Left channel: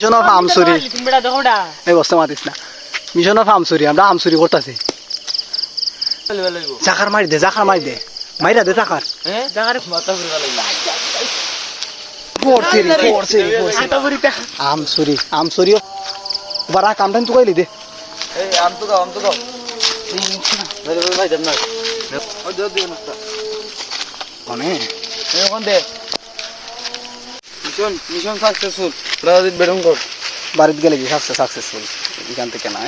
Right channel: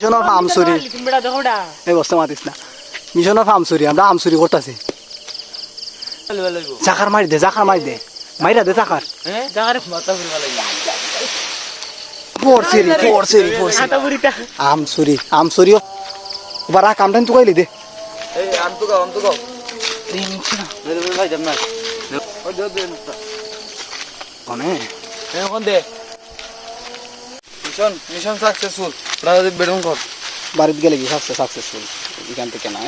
mission of আমসুরি এই বস্তা মাতিস না মিশন অফ আমসুরি আমরা আমসুরি করতেছি জাকার মারি দে মাইরা দে জাকার আমসুরি আমসুরি এবার কামটান তো কইলি দে মিশন সাকসেসফুল রানাজিৎ বেরুন কর বাড়িতে গেলে কি সাকসেসফুল এখান থেকে না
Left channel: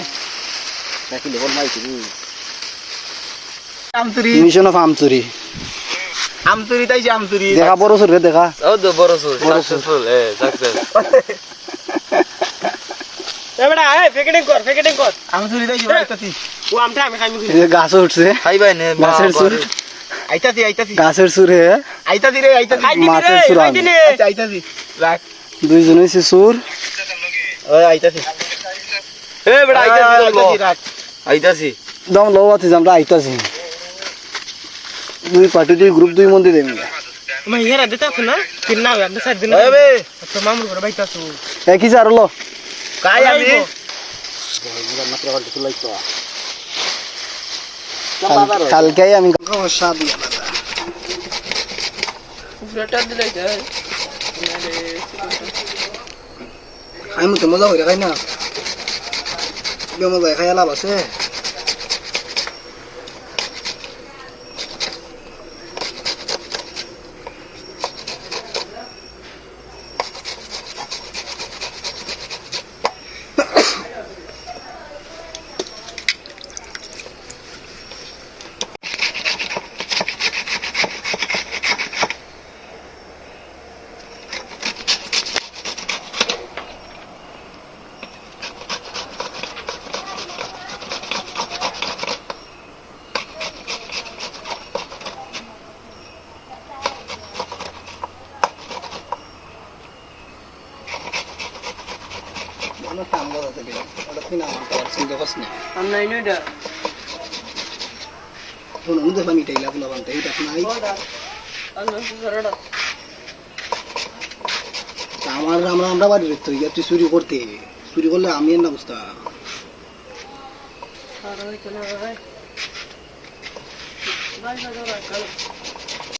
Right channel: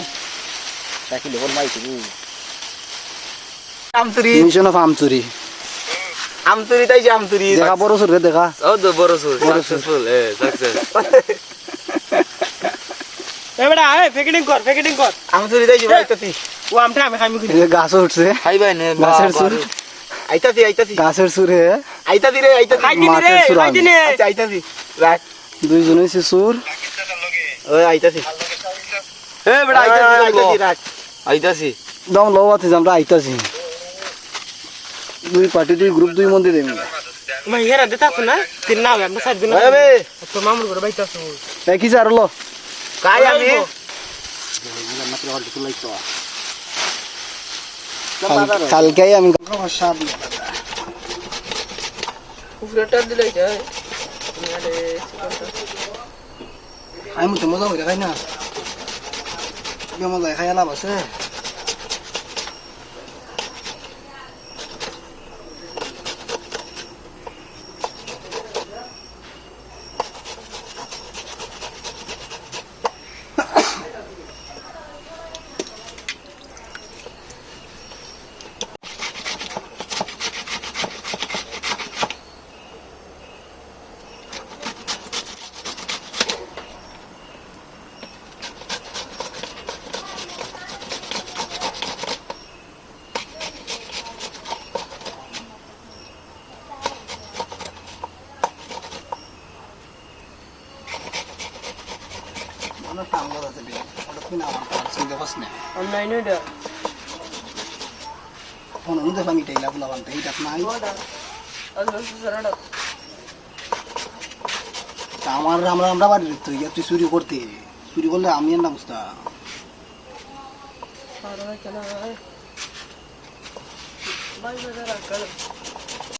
আমচুরি মিশন অফ আমচুরি আমচুরি তাই যে আমচুরি দেখা বড় সুর দেখা ও তো বড় সুর সাকসেসফুল সাকসেস এবড়া প্যাকেটিং কর আমচুরি তাই যে আইতাছি ও আমটা আমি খাইমু এই যে গাছ উঠছে খাই ভাই নে গাছের সুর আইতাছি গাছের সুর হে আইতাছি রে মাছের সুর আমি আইতাছি রাখ দুইজন হইছে সুর ওই আইতাছি এ বড় আইতাছি রাখ আইতাছি দম লো আছে আমরা আইতাছি দুই পার্টি দুই গ্রুপ দুই মন্দির দেন মাইয়ারা দেতা না কি না আমরা সাইড দিন এ বে তো মামুর ঘরে বাইতাছু কি স্যার লো কাই আমি কালকে আমি আমি তো মজা হইরা খাই না মজা খাই লাভ আছে আমরা বাড়ি রেখতে তুই চুরি করতে চুরি করলে আমি এর না বুঝতাম